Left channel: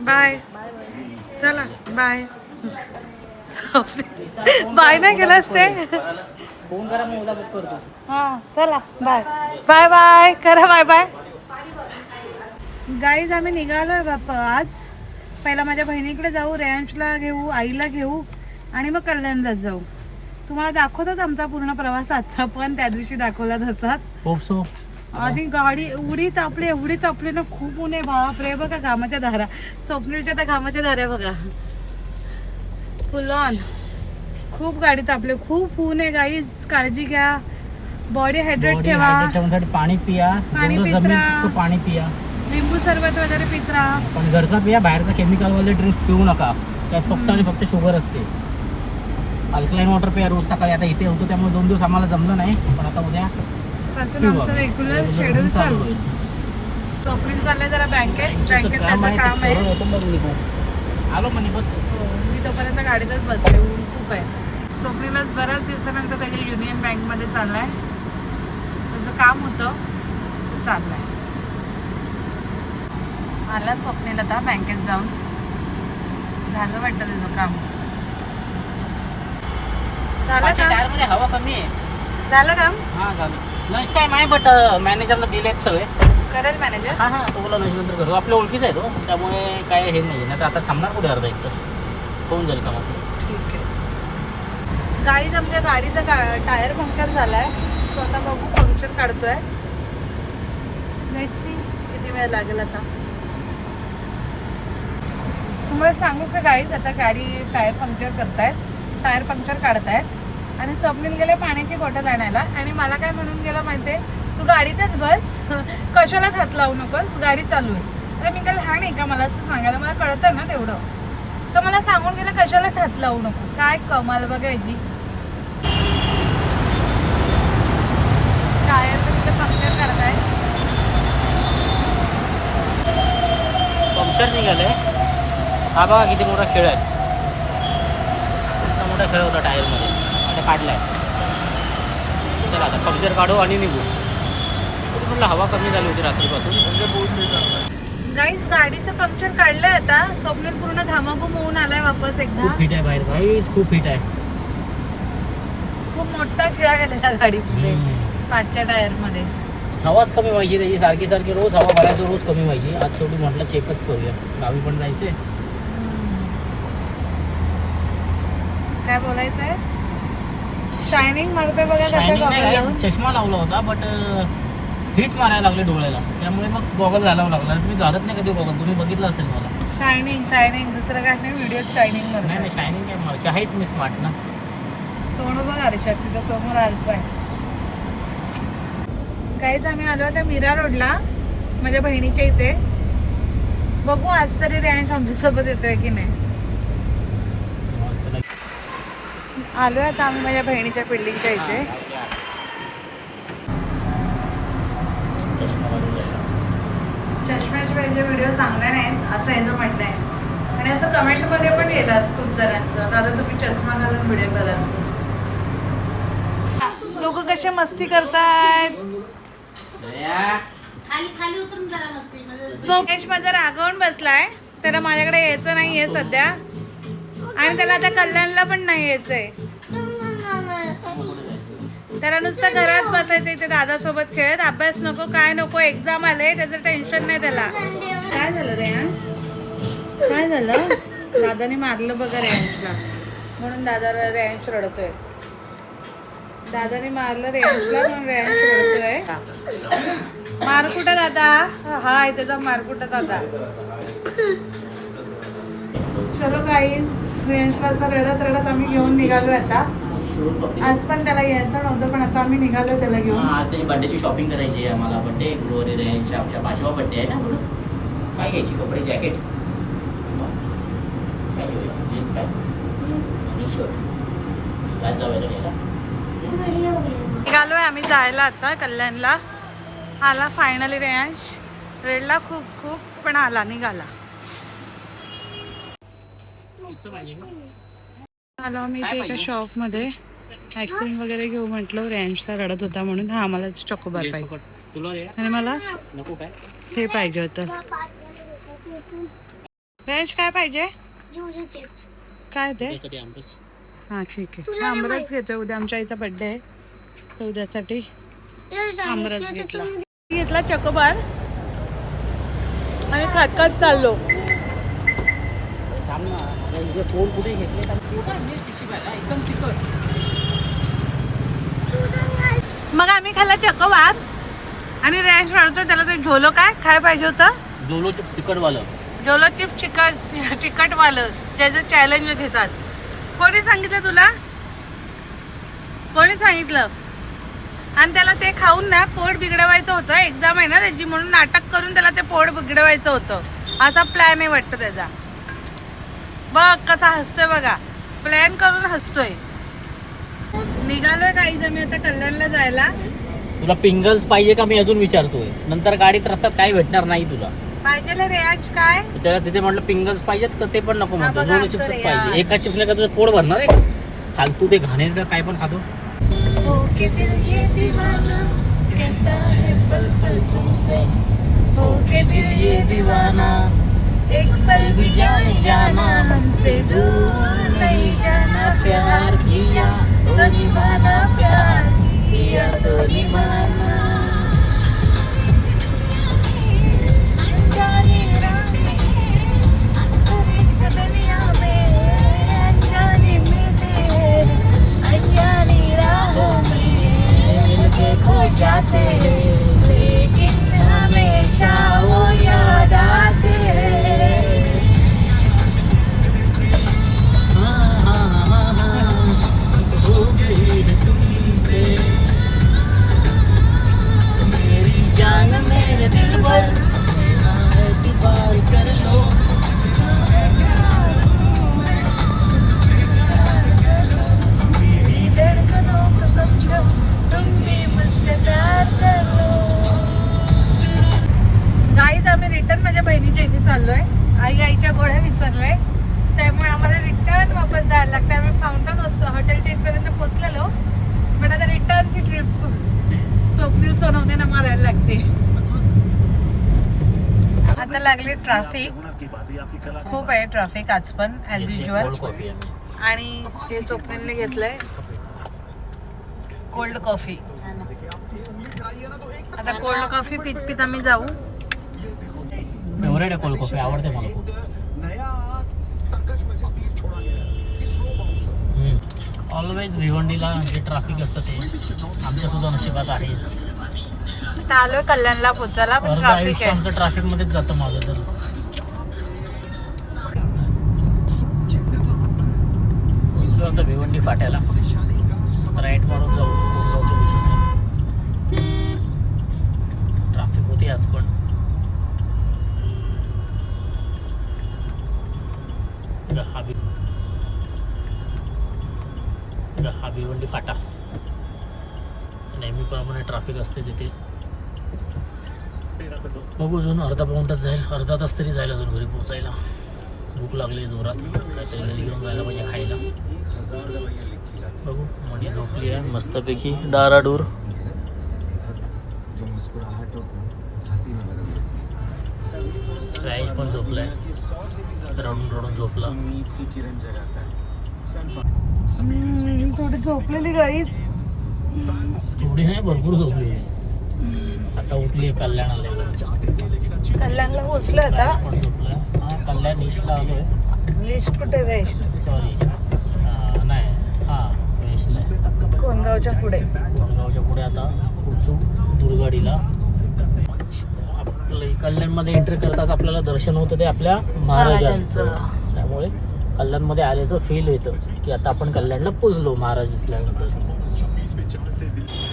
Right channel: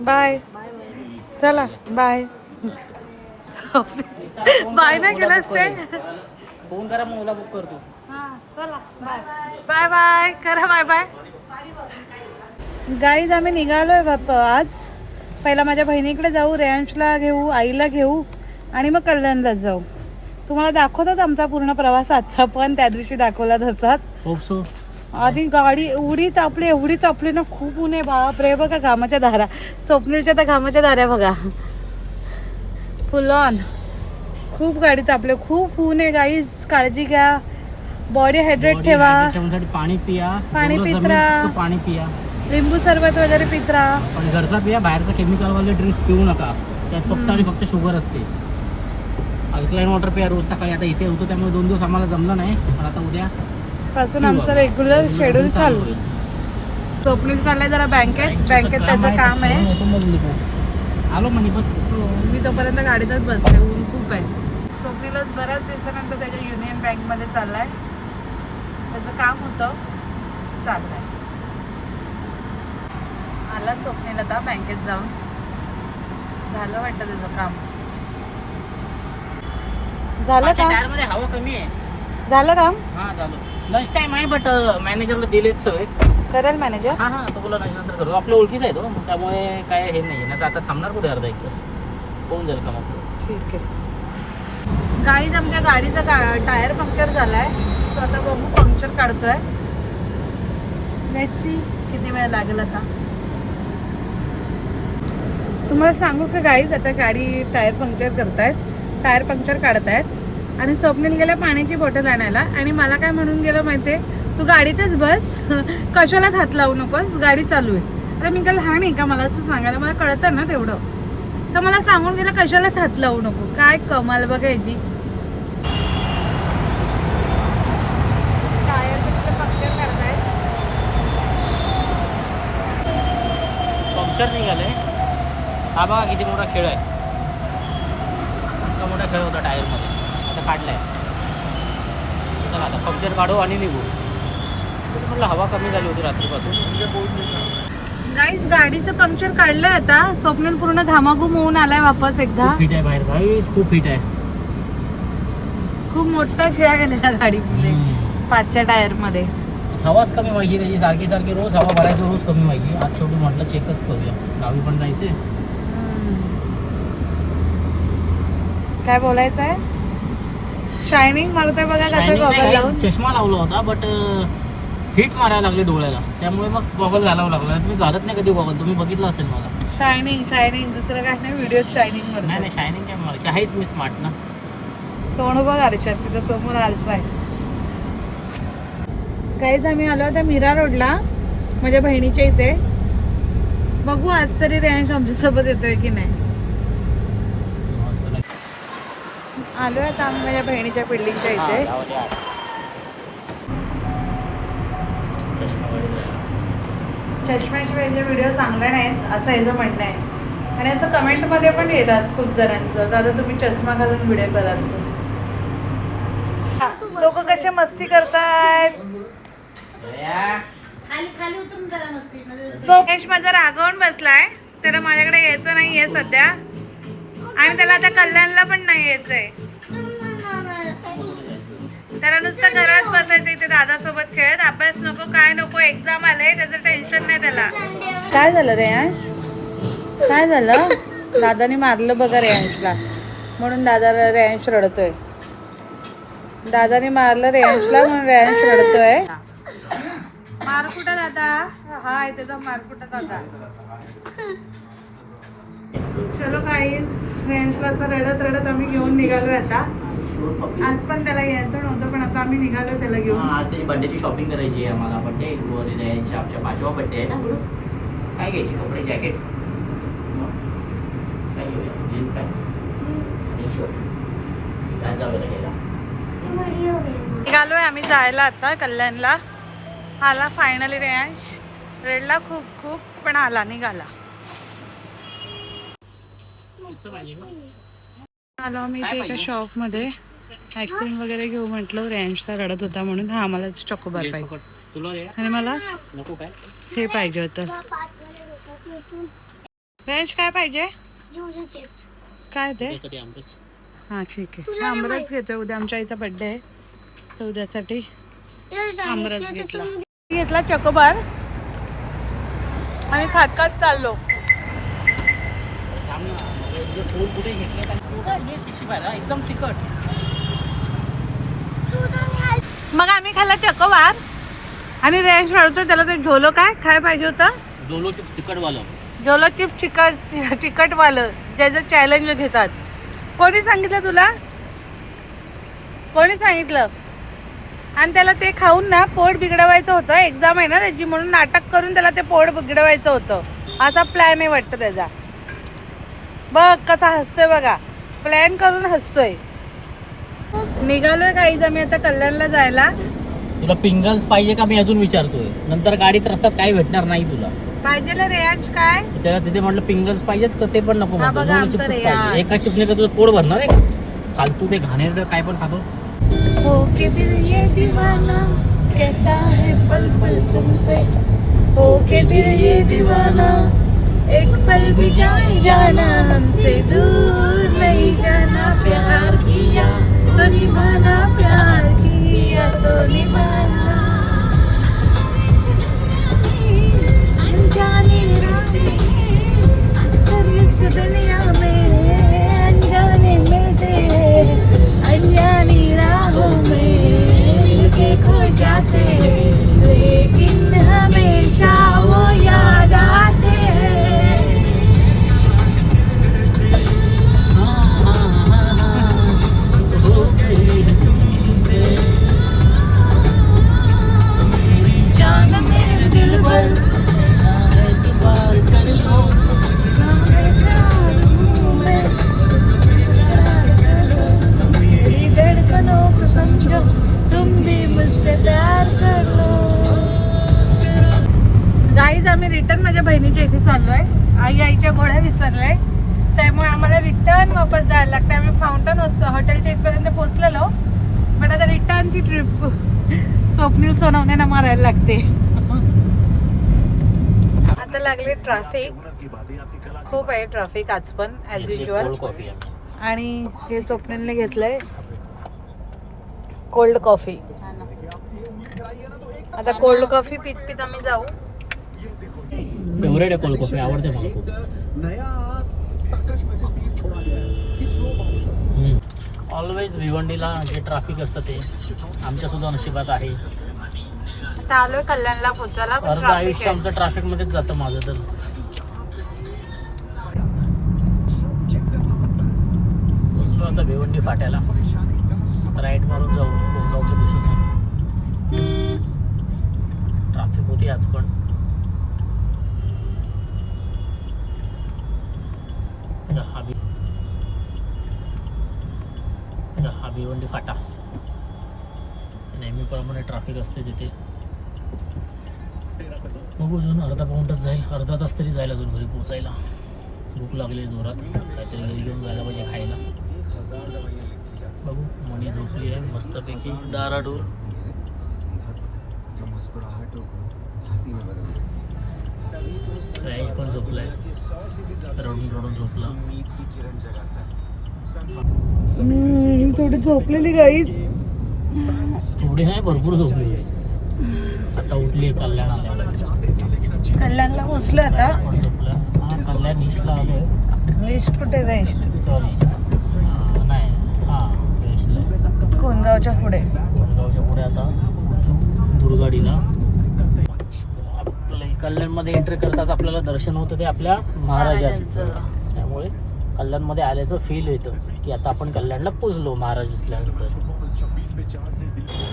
Bye. चला bye. Bye नाही केलास ते. फोन करा मग ओला बुक करतो. हा चला बाय बाय बाय करा बाय बाय. गाईज आम्ही निघालोय बाप्पा आज. पहिला माझ्या बहिणीकडे जाऊ, रेयांशला घेऊ, आईला घेऊ आणि मग कल्याणलाच जाऊ. तुम्हाला दाखवतात आमचा पूर्ण प्रवास आजचा, पण त्या दिवशी दाखवला तसाच. Hope so. आणि गाडी एवढी तापली ना, खूप ऊन आहे बाप रे. बघा घामाच्या धारा, स्वप्नीलच्या तर घामाच्या धाऱ्या बघा, फुल ऑन. खूप गाडी तापले, खूप ऊन आहे गाईज. काळजी घ्या, बॉडी हायड्रेट ठेवा, पाणी पिया, पाणी पित राहा, पाणी पिया, लिंबू सरबत वगैरे पित राहा. पण घरचा पिया, बाहेरचा केमिकल वाले ड्रिंक्स पिऊ नका. त्यात फक्त आणि फक्त शुगर असते. अल्कलाईन वॉटर पिया रोज सकाळी. आता इथे होतो त्यामुळे 2 दिवस आम्हाला जमलं नाही, पण आता उद्या पासून आमचं रेग्युलर शेड्यूल चालू. स्वप्नील चाललंय जरा बँकेत त्याचं काम आहे. आलो म्हणे बस. हो, मी तोपर्यंत गाडीतच बसले, ऊन खूप आहे. स्वप्नीलच बऱ्याच दिवसानंतर त्याच्या युनियन बँकमध्ये चाललाय, त्याचं काम होतं चाललंय. आला स्वप्नील आता बँकेत जाऊन, झालं वाटतं त्याचं काम. झालं का? टायरमध्ये हवा कमी आहे. झालं काम? हा झालं. लंच टाइम आहे, बट मॅनेजरला दिलेत सवय. करेल मॅनेजर. हा हा, तो बोला लंच नंतर करू. आपल्या ओळखीचा आहे तो, त्यामुळे काय हे नाही. नाही तर आता थांबणार कुठे अर्धा 1 तास होऊन जाईल काम आपलं. ठीक आहे. गाडीच आमच्या गाडीचा टायर पंक्चर झालाय, स्वतः बघू पंक्चर काढतोय. लेट्स सी किती वेळ लागेल आता. तुम्हाला सांगू का गाईज, आता गाडी टायर पंक्चर करतायत, टायर पंक्चर काढतायत आणि स्वप्नील गेला पाण्याची बॉटल आणायला आणि मला काय म्हणून गेलं माहितीये, तू गाडीतच बस, कशालाच हात लावू नकोस, गाडी चालू आहे. आता मी काय लहान आहे का मला असं सांगायला, मला कळतं ना तेवढं. तर मला सांगून गेलं कशालाच हात लावू नको. काय कमाल बघायची. टायर तिथे पंक्चर काढतायत. पंक्चर निघालंय. हा बघा किती मोठा खेळ आहे. इतका मोठा खेळ होता टायरमध्ये, आता काढलाय. चला आता पंक्चर काढू आणि निघू. तसं म्हटलं हवा कमी झाली होती रात्रीपासून. गाईस गाडीचं पंक्चर काढलं आता. स्वप्नील पूर्ण घामाघूम होऊन आलाय वापस एकदा. फिट आहे बाहेर गाईस, खूप फिट आहे. खूप मोठा खिळा गेलेला गाडीमध्ये, पाचच्या टायर मध्ये. हवाच कमी व्हायची त्याची, सारखी सारखी रोज हवा भरायचं, रोज कमी व्हायची. आज शेवटी म्हटलं चेकच करूया, गावी पण जायचंय. काय बोलायचं आहे? शायनिंग मारतोय बघा कसं गॉगल लावून. चष्मा लावला होता, बट हिट मारायला लागले डोळ्याला, त्यामुळे मग गॉगल घालावं लागला. तुम्ही घालत नाही कधी गॉगल, तुम्ही बघितलं असेल मला. शायनिंग शायनिंग दुसरं काय नाही, व्हिडिओत शायनिंग नाही नाही, शायनिंग काय मारायची आहेच. मी स्मार्ट ना. तोंड बघ आरशात, तिथं समोर आरसा आहे. काहीच आम्ही आलो आता मीरा रोडला माझ्या बहिणीच्या इथे. बघू आज तरी रेंज आमच्यासोबत येतोय की नाही. आलोय आता आम्ही माझ्या बहिणीच्या बिल्डिंगच्या इथे. चष्म्याशिवाय व्हिडिओ चांगले नाहीत असं याचं म्हणणं आहे. आणि असं कमेंटमध्ये पण येतात खूप जणांचं, दादा तुम्ही चष्मा घालून व्हिडिओ करायचं. दोघं कसे मस्ती करतायत. सोकेश माझा रागवून बसलाय, त्याला माझ्याकडे यायचं नाहीये सध्या, आणि त्याला आता कल्याणला पण नाही यायचंय. त्याला नुसतं घरात बसायचंय ते दादासोबत खेळत. अभ्यास नको, काय नको, एक्झाम आले, त्याचं टेन्शन नाही त्याला. काय झालं रेयांश? काय झालं? दादाने मारलं बघा रेयांशला, म्हणून दादा रेयांश रडतोय. दादाने मारलं रेयांशला म्हणून रेयांश रडतोय. मार कुठं दादा? हा आहे त्याचा मार कुठं दादा. चलो गाईस, रेयांशला असं रडत रडत आम्ही घेऊन निघालोय आता. आज पण त्याला यायचं नव्हतं, पण आता आम्ही निघालो त्याला घेऊन. आज त्याची बर्थडेची शॉपिंग करायची आहे आम्हाला. बर्थडे ग्लोरी रेंज आमच्या 5वा बर्थडे आहे ना. म्हणून काय घ्यायची? कपडे, जॅकेट, जीन्स पॅन्ट आणि शर्ट. राजा वगैरे निघालोय आम्ही जायला आता कल्याणला. आला फायनली रेयांश. रेडला खूप खूप, पण आला, निघाला. आलो आम्ही इथे एका शॉप मध्ये वॅक्सिन वगैरे घेऊ म्हटलं. रेंजचा रडत होता म्हणून. हा मला चॉकोबार पाहिजे आणि मला नको काय हे पाहिजे होतं. फ्रेश काय पाहिजे? काय ते? त्यासाठी आमरस. हा ठीक आहे, आमरस घ्यायचं. उद्या आमच्या आईचा बर्थडे आहे, तर उद्यासाठी आमरस घेतला चकोबार आणि खात खात चाललो. कुठे घेतले एकदम चिकट. मग आम्ही खाल्ला चकोबार आणि रेंज वाढवतो त्याला. ते झोलो काय पाहिजे होतं? झोलो चिप्स तिखटवालं. झोलो चिप्स तिखटवालं ज्याचं चॅलेंज घेतात. कोणी सांगितलं तुला? कोणी सांगितलं? आणि त्याला ते खाऊन ना पोट बिघडवायचं होतं. एक्झाम आहे ना त्याची, म्हणून नाटक करून त्याला ते पोट बिघडवायचं होतं. असा प्लॅन आहे वाटतं त्याचा. बघ कसा हसतोय बघा, प्लॅन करून हसतोय. निघालोय काहीच आम्ही आता कल्याणला जायला. तुला पिंगल्स पाहिजे का मी अजून विचारतोय. नंतर गाडीत रस्त्यात काही भेटणार नाही तुला. पाहिजे रेयांश काय? त्याला तिथे म्हटलं पिंगल्स पाहिजेत तर ते पण नको हा, बघा आमचं रेयांश. एका चिप्सने का तुझं पोट भरणार आहे? फालतू ते घाणेरडं काय पण खातो. हो के दिल ये दीवाना कहता है पल पल तुमसे. हो के दिल ये दीवाना एक पल भी जाना हमसे दूर नहीं जाना. प्यार किया तो निभाना, प्यार किया तो निभाना. अनजाने राहें अक्सर इस दुनिया में अनजाने में तेरे अनजानी राहों में के खो जाते, लेकिन हमेशा वो याद आते हैं. जान मेरे दिल भर पार कर लो. मेरी धड़कनों को समझो, तुम भी मुझसे प्यार करो. गाईज आम्ही रिटर्न माझ्या बहिणीच्या इथे चाललोय. आईच्या गोळ्या विसरले, त्यामुळे आम्हाला रिटर्न वापस जायला लागतं. आम्ही फाउंटन हॉटेलच्या इथपर्यंत पोहोचलेलो, पण आता रिटर्नची ट्रिप स्वप्नील सोनवणे मारायला लागते. आता लागले ट्रॅफिक, खूप आहे ट्रॅफिक आज पण ॲज युजल. आणि हे स्वप्नीलने घेतलंय कोल्ड कॉफी. आता कोल्ड कॉफी पीत पीत आम्ही जाऊ. फेवरेट आहे कोल्ड कॉफी, आवडते मला खूप. ऑलवेज भिवंडीला जे ट्रॅफिक असतं ते आमच्या सुद्धा नशिबात आहे. आता आलोय कल्याणला पोचायला, पण ट्रॅफिक आहे. आमचं ट्रॅफिक मध्येच जातं माझं तर. पोचलो आता भिवंडी फाट्याला. राईट मारून जाऊ कोकणाच्या दिशेने. ट्रॅफिक होती आज पण. हा भिवंडी फाटा. नेहमीप्रमाणे ट्रॅफिक असतेच इथे. बघू अजून अर्धा पाऊण तास जाईल, अर्धा तास तरी जाईल अजून घरी पोचायला. भूक लागली जोरात, काहीतरी घरी घेऊन जायला पाहिजे खायला. बघू मणी झोपली आहे मस्तपैकी डाराडूर. राईश पण झोपलाय, रडून रडून झोपला. थोडी झोपलेली गाईच. थोडी नाही, भरपूर झोपली. आता उठली कल्याण आल्या. कल्याणला पोचलोय आता. हा कल्याण ईस्टला आलोय. वेस्ट कुठे? वेस्ट सॉरी नाही, हां वेस्टला. कोणगावच्या पुढे. कोणगावच्या पुढे आता दुर्गाडीला. आपलं कल्याणमध्ये एंट्री करतात आपल्याला दर्शन होतं ते आपल्या महाराजांचं. त्यामुळे कल्याणमध्ये आल्याचं फील येतं की आता आपण कल्याणला पोचलो महाराज असल्यानंतर.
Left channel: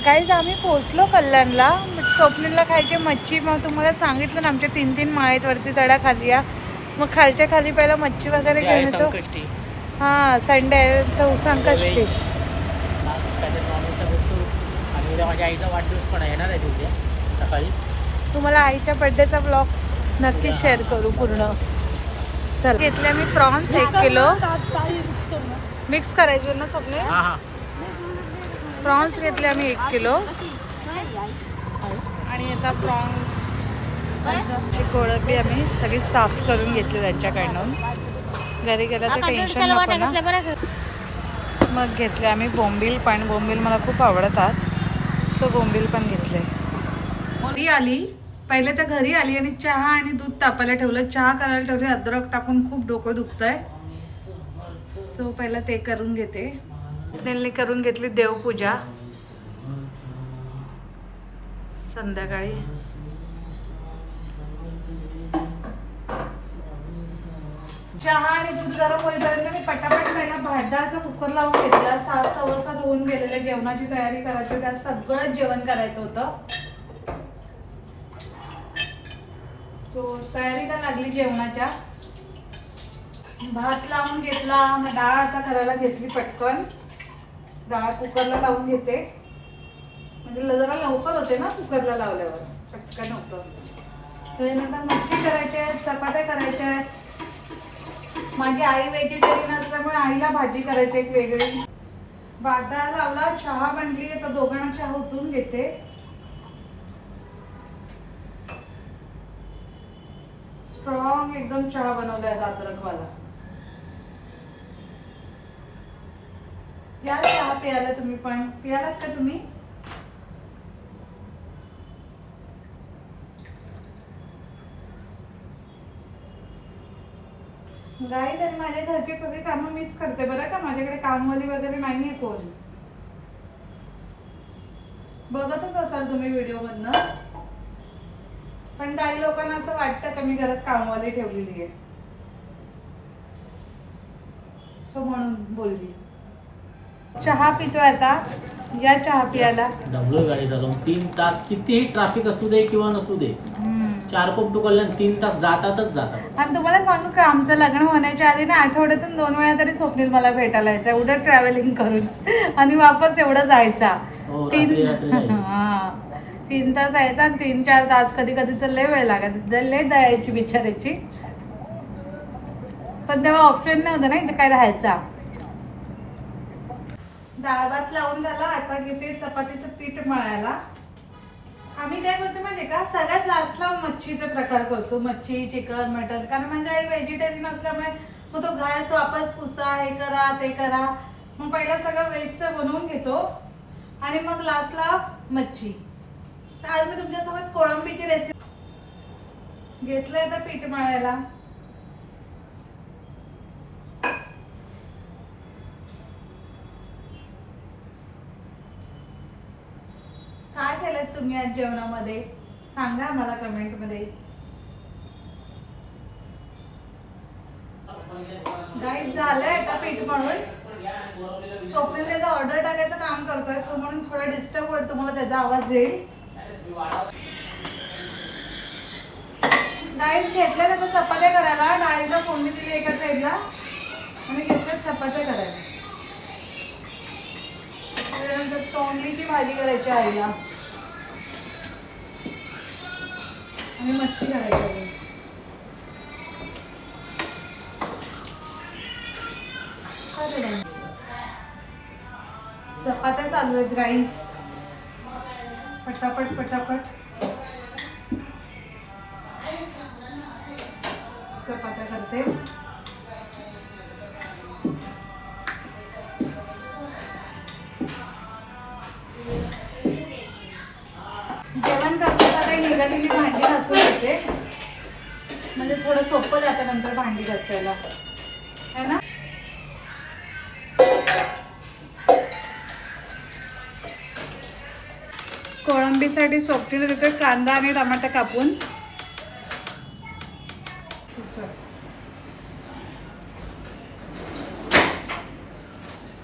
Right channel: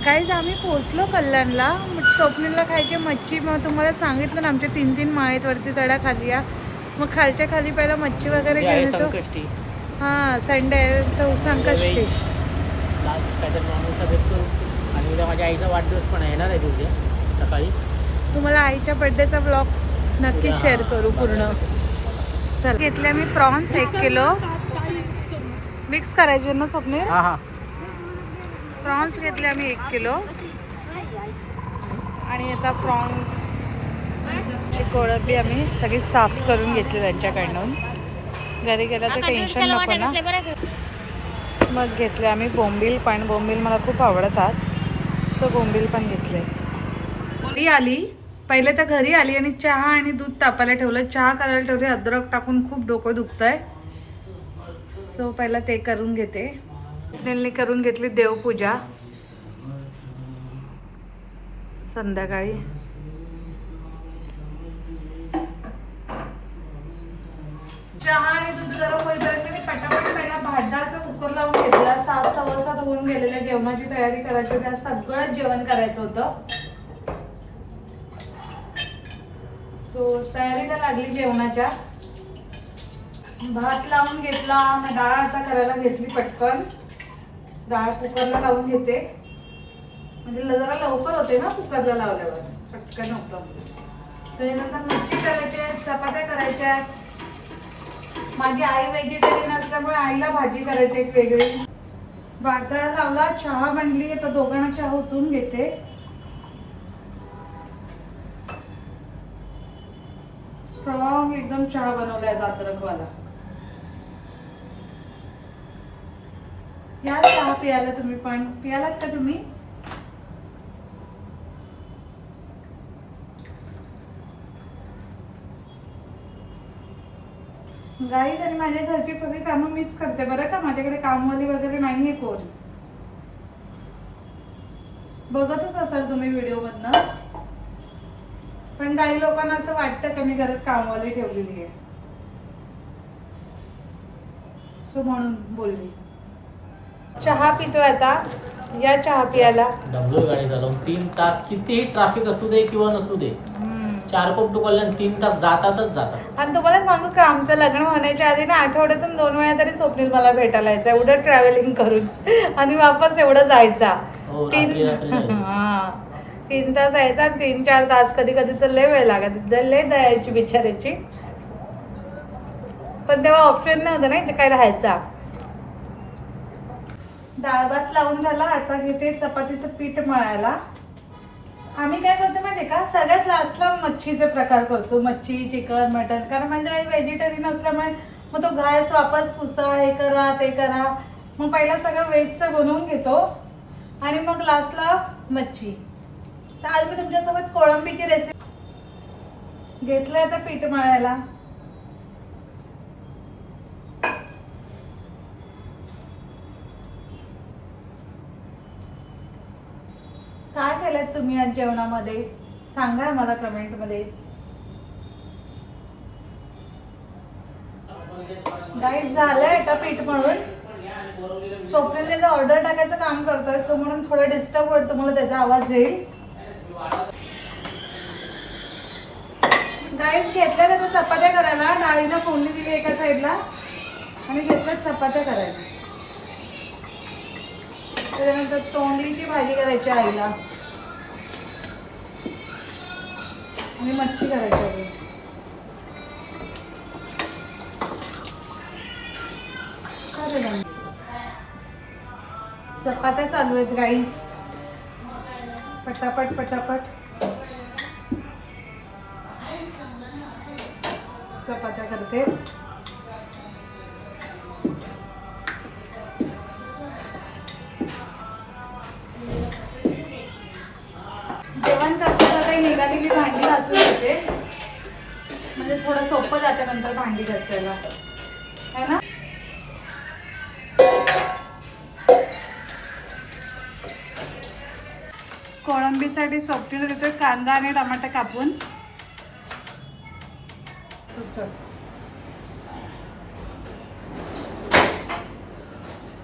काहीच आम्ही पोहोचलो कल्याणला. स्वप्नीलला खायची मच्छी. मग तुम्हाला सांगितलं ना आमच्या 3-3 माळेत वरती चढा खाली या. मग खालच्या खाली पहिला मच्छी वगैरे घेऊन येतो. हां संडे तर संकष्टी. आणि उद्या माझ्या आईचा वाढदिवस पण येणार आहे उद्या सकाळी. तुम्हाला आईच्या बर्थडेचा ब्लॉग नक्की शेअर करू पूर्ण. चल घेतले मी प्रॉन्स 1 किलो. मिक्स करायचे ना स्वप्नील. हां हां प्रॉन्स घेतले आम्ही 1 किलो. आणि आता प्रॉन्स ही कोळंबी आम्ही सगळी साफ करून घेतली त्यांच्याकडून. घरी गेलं तर टेन्शन नको ना. मग घेतले आम्ही बोंबील, पण बोंबील मला खूप आवडतात, सो बोंबील पण घेतले. मुली आली पहिले तर घरी आली आणि चहा आणि दूध तापायला ठेवलं, चहा करायला ठेवले, अद्रक टाकून खूप डोकं दुखतंय, सो पहिला ते करून घेते. त्यांनी करून घेतली देवपूजा. संध्याकाळी चहा आणि दूध गरम होईपर्यंत मी पटापट पहिला भाताचा कुकर लावून घेतला. 7:15 होऊन गेलेल्या, जेवणाची तयारी करायची होती. आज सगळं जेवण करायचं होतं, सो तयारीला लागली जेवणाच्या. भात लावून घेतला, मग डाळ आता करायला घेतली पटकन. डाळ कुकरला लावून घेते, म्हणजे जरा लवकर होते ना कुकरला लावल्यावर, पटकन होतं. त्यानंतर मच्छी करायची आहे, चपात्या करायच्या आहेत. माझी आई व्हेजिटेरियन असल्यामुळे आईला भाजी करायची एक वेगळी. भाताला लावला, चहा बनली, आता दोघांना चहा ओतून घेते. स्ट्रॉंग एकदम चहा बनवलाय अद्रकवाला. या चहा पियाला तुम्ही पण, पियालात का तुम्ही? गाईज, आणि माझ्या घरची सगळी कामं मीच करते बरं का, माझ्याकडे कामवाली वगैरे नाहीये कोण. बघतच असाल तुम्ही व्हिडिओ मधनं, पण काही लोकांना असं वाटतं का मी घरात कामवाली ठेवलेली आहे, सो म्हणून बोलली. चहा पितोय आता, या चहा पियाला. दमलो गाडी चालवून 3 तास, कितीही ट्रॅफिक असू दे किंवा नसू दे, 4 कोपटू कल्याण 3 तास जातातच जातात. आणि तुम्हाला सांगू का, आमचं लग्न होण्याच्या आधी ना आठवड्यातून 2 वेळा तरी स्वप्नील मला भेटायला यायचा, एवढं ट्रॅव्हलिंग करून, आणि वापस एवढं जायचा. 3 तास यायचा आणि 3-4 तास, कधी कधी तर लय वेळ लागत, लय दयायची बिचारायची. पण तेव्हा ऑप्शन नव्हतं ना इथे काय राहायचा. डाळ भात लावून झाला, आता घेते चपातीचं पीठ मळायला. आम्ही काय करतो माहितीये का, सगळ्यात लास्टला मच्छीचे प्रकार करतो, मच्छी, चिकन, मटन, कारण म्हणजे आई व्हेजिटेरियन असल्यामुळे मग तो घास वापस पुसा, हे करा ते करा. मग पहिला सगळं व्हेजचं बनवून घेतो आणि मग लास्टला मच्छी. तर आज मी तुमच्यासोबत कोळंबीची रेसिपी घेतलंय आता पीठ मळायला. काय केलं तुम्ही आज जेवणामध्ये, सांगा मला कमेंट मध्ये. गाईज, झालंय आता पीठ मळून. स्वप्नील त्याचा ऑर्डर टाकायचं काम करतोय, सो म्हणून थोडं डिस्टर्ब होईल तुम्हाला, त्याचा आवाज येईल. गाईज, घेतल्या त्याचा चपात्या करायला, डाळीला फोडणी दिली एका साईडला आणि घेतल्या चपात्या करायला. त्याच्यानंतर तोंडलीची भाजी करायची आईला आणि मच्छी करायची. चपात्या चालू आहेत गाईज, पटापट पटापट चपात्या करते. जेवण करताना काही निघालेली भांडी घासून घेते, म्हणजे थोडं सोपं जातं नंतर भांडी घासायला, है ना. कोळंबीसाठी स्वप्नीला देते कांदा आणि टमाटा कापून.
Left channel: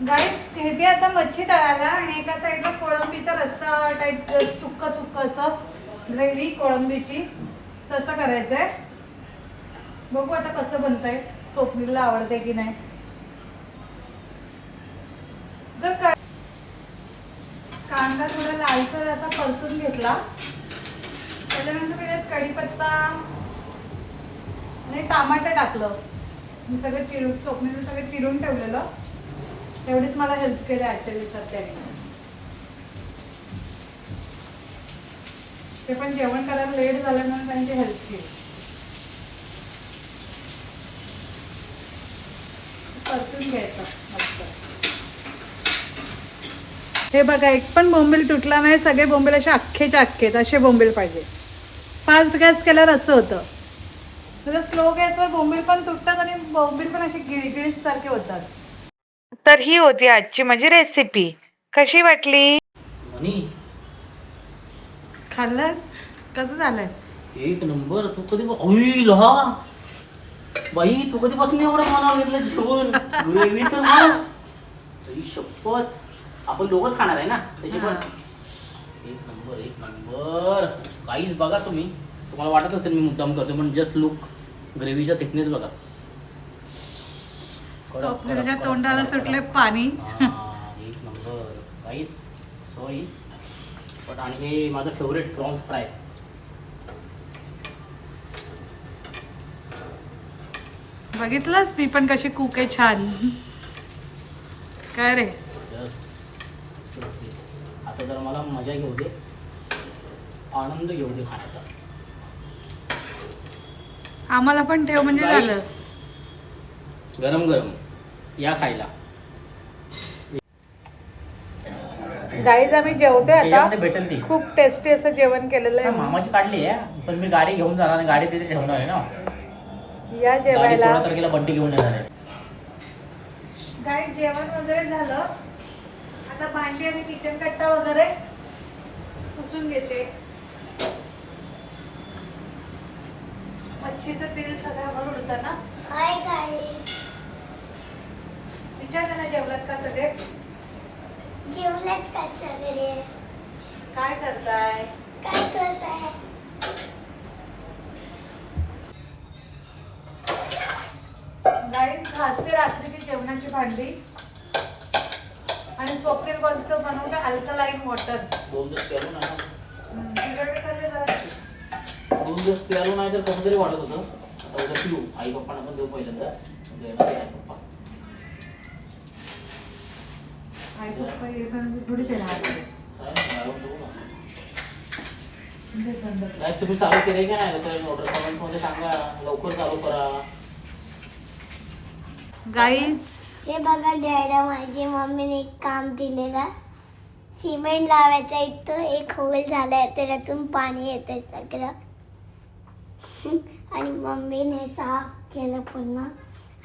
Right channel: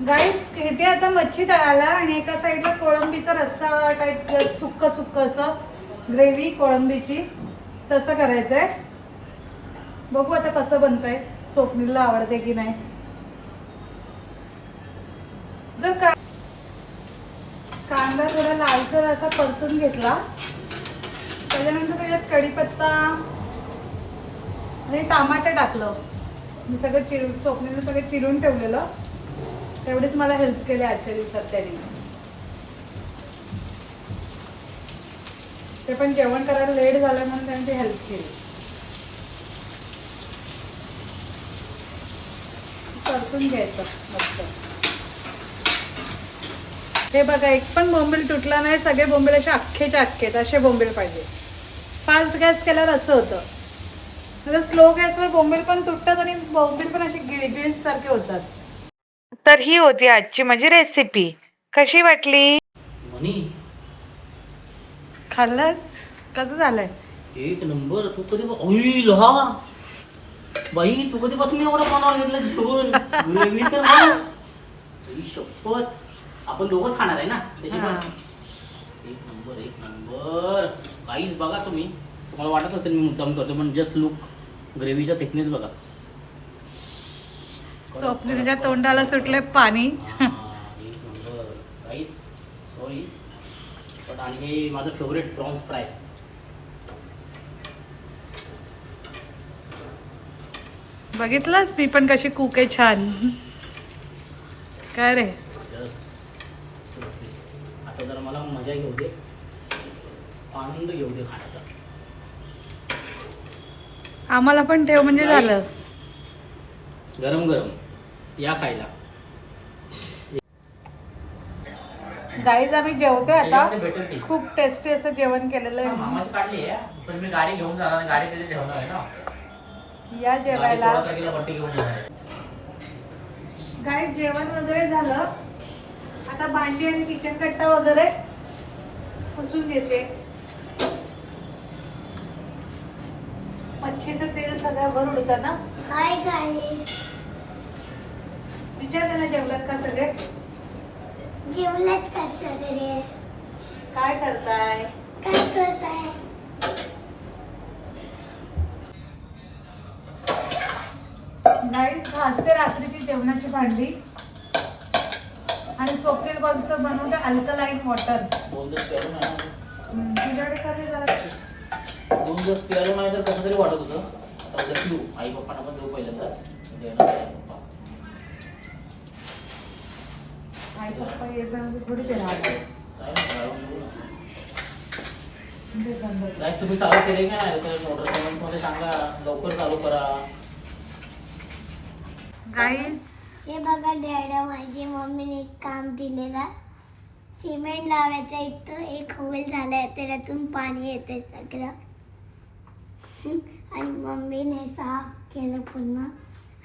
गाईस, घेते आता मच्छी तळायला आणि एका साईडला कोळंबीचा रस्सा टाईप, सुक्क सुक्क असं ग्रेव्ही कोळंबीची, तसं करायचंय. बघू आता कसं बनतंय, स्वप्नीलला आवडते की नाही. जर काय कांदा थोडा लालसर असा परतून घेतला, त्याच्यानंतर त्याच्यात कढीपत्ता आणि टमाटर टाकलं. मी सगळं चिरून, स्वप्नीला सगळं चिरून ठेवलेलं, तेवढीच मला हेल्प केली आजच्या दिवसात त्याने. ते पण जेवण करायला लेट झालं म्हणून त्यांची हेल्प केली. परतून घ्यायचं मस्त. हे बघा एक पण बोंबील तुटला नाही, सगळे बोंबील असे अख्खेच्या अख्खेत असे बोंबील पाहिजे. फास्ट गॅस केल्यावर असं होतं. तर स्लो गॅसवर बोंबील पण तुटतात आणि बोंबील पण असे गिळगिळीत सारखे होतात. तर ही होती आजची माझी रेसिपी. कशी वाटली? मनी खाल्लंस? कसं झालंय? एक नंबर. तू कधी अई लहा बाई, तू कधीपासून एवढं मनावर घेतलं जेवण? ग्रेव्ही तर बघ. आई शपथ, आपण दोघंच खाणार आहे ना त्याची पण. एक नंबर एक नंबर. काहीच बघा तुम्ही, तुम्हाला वाटत असेल मी मुद्दाम करतो, पण जस्ट लुक, ग्रेव्हीचा थिकनेस बघा. स्वप्नीलच्या तोंडाला सुटले पाणी. एक नंबर. काहीच सॉरी, बट आणि हे माझं फेवरेट प्रॉन्स फ्राय. बघितलंस मी पण कशी कुक आहे छान. काय रे? आता जरा मला मजा घेऊ दे, आनंद घेऊ दे खाण्याचा. आम्हाला पण ठेव म्हणजे झालं. गरम गरम या खायला. गाईज आम्ही जेवतोय आता. त्याच्यामध्ये भेटेल ती. खूप टेस्टी असं जेवण केलेलं आहे. मामाची काढली आहे, पण मी गाडी घेऊन जाणार आणि गाडी तिथे ठेवणार आहे ना. या जेवायला. गाडी बंटी घेऊन येणार आहे. गाईज जेवण वगैरे झालं, आता भांडी आणि किचन कट्टा वगैरे पुसून घेते. मच्छीचं तेल सगळं भरून होतं ना. हाय गाईस, विचारलं ना जेवलात का सगळे? जेवलात का सगळे? काय करताय? काय करताय? गाईज घासते रात्रीची जेवणाची भांडी आणि स्वप्नील कोणतं बनवलं अल्कलाईन वॉटर. 2 दिवस प्यालो नाही, तुझ्याकडे करले जरा. 2 दिवस प्यालो नाही तर कसं तरी वाटत होतं. आता पिऊ, आई पप्पांना पण देऊ पहिल्यांदा. देणार आहे पप्पा. आई पप्पा हे बनवते थोडी ते वाटते. काय तुम्ही चालू केले का नाही? तर ऑर्डर कमेंट्समध्ये सांगा, लवकर चालू करा. गाईज हे बघा डॅडा, माझी मम्मीने एक काम दिलेला. सिमेंट लावायचा इथं एक होल झालाय, त्याच्यातून पाणी येते सगळं. आणि मम्मीने साफ केलं पुन्हा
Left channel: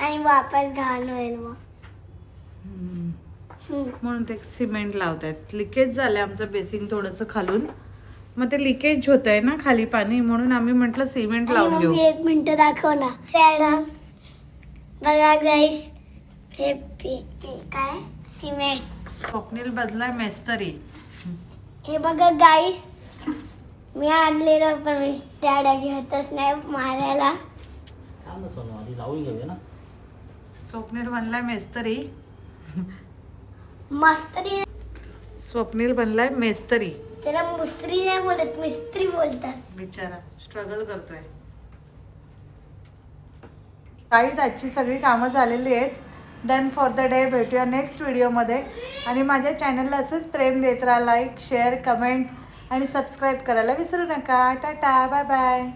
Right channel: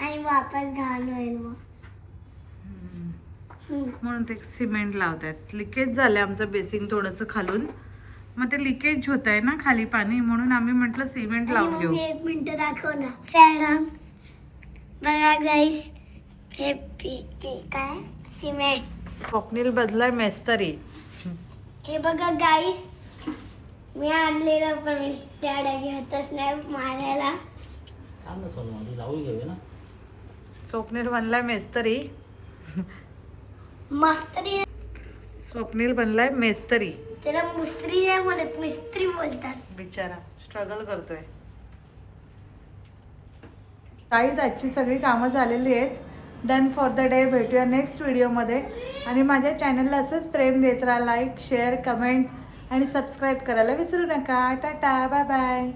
आणि वापस घाण होईल मग. म्हणून ते सिमेंट लावतात. लिकेज झालंय आमचं बेसिंग थोडंसं खालून, मग ते लिकेज होत आहे ना खाली पाणी, म्हणून आम्ही म्हटलं सिमेंट आणि लावून घेऊ. मम्मी 1 मिनिट दाखव ना. डॅडा बघा गाईस, हे काय सिमेंट. स्वप्नील बदलाय मेस्तरी. हे बघा गाईस, मी आणलेलं पण मी डॅडा घेतच नाही मारायला. थांब ना सोनू, आधी लावून घेऊया ना. स्वप्नील बनलाय मेस्तरी. मस्त्री. स्वप्नील बनलाय मेस्तरी. त्याला मुस्त्री नाही बोलत, मिस्त्री बोलतात. बिचारा स्ट्रगल करतोय. काहीच आजची सगळी कामं झालेली आहेत. Done for the day. भेटूया नेक्स्ट व्हिडिओमध्ये. आणि माझ्या चॅनलला असंच प्रेम देत राहा. लाईक, शेअर, कमेंट आणि सबस्क्राईब करायला विसरू नका. Tata, bye bye.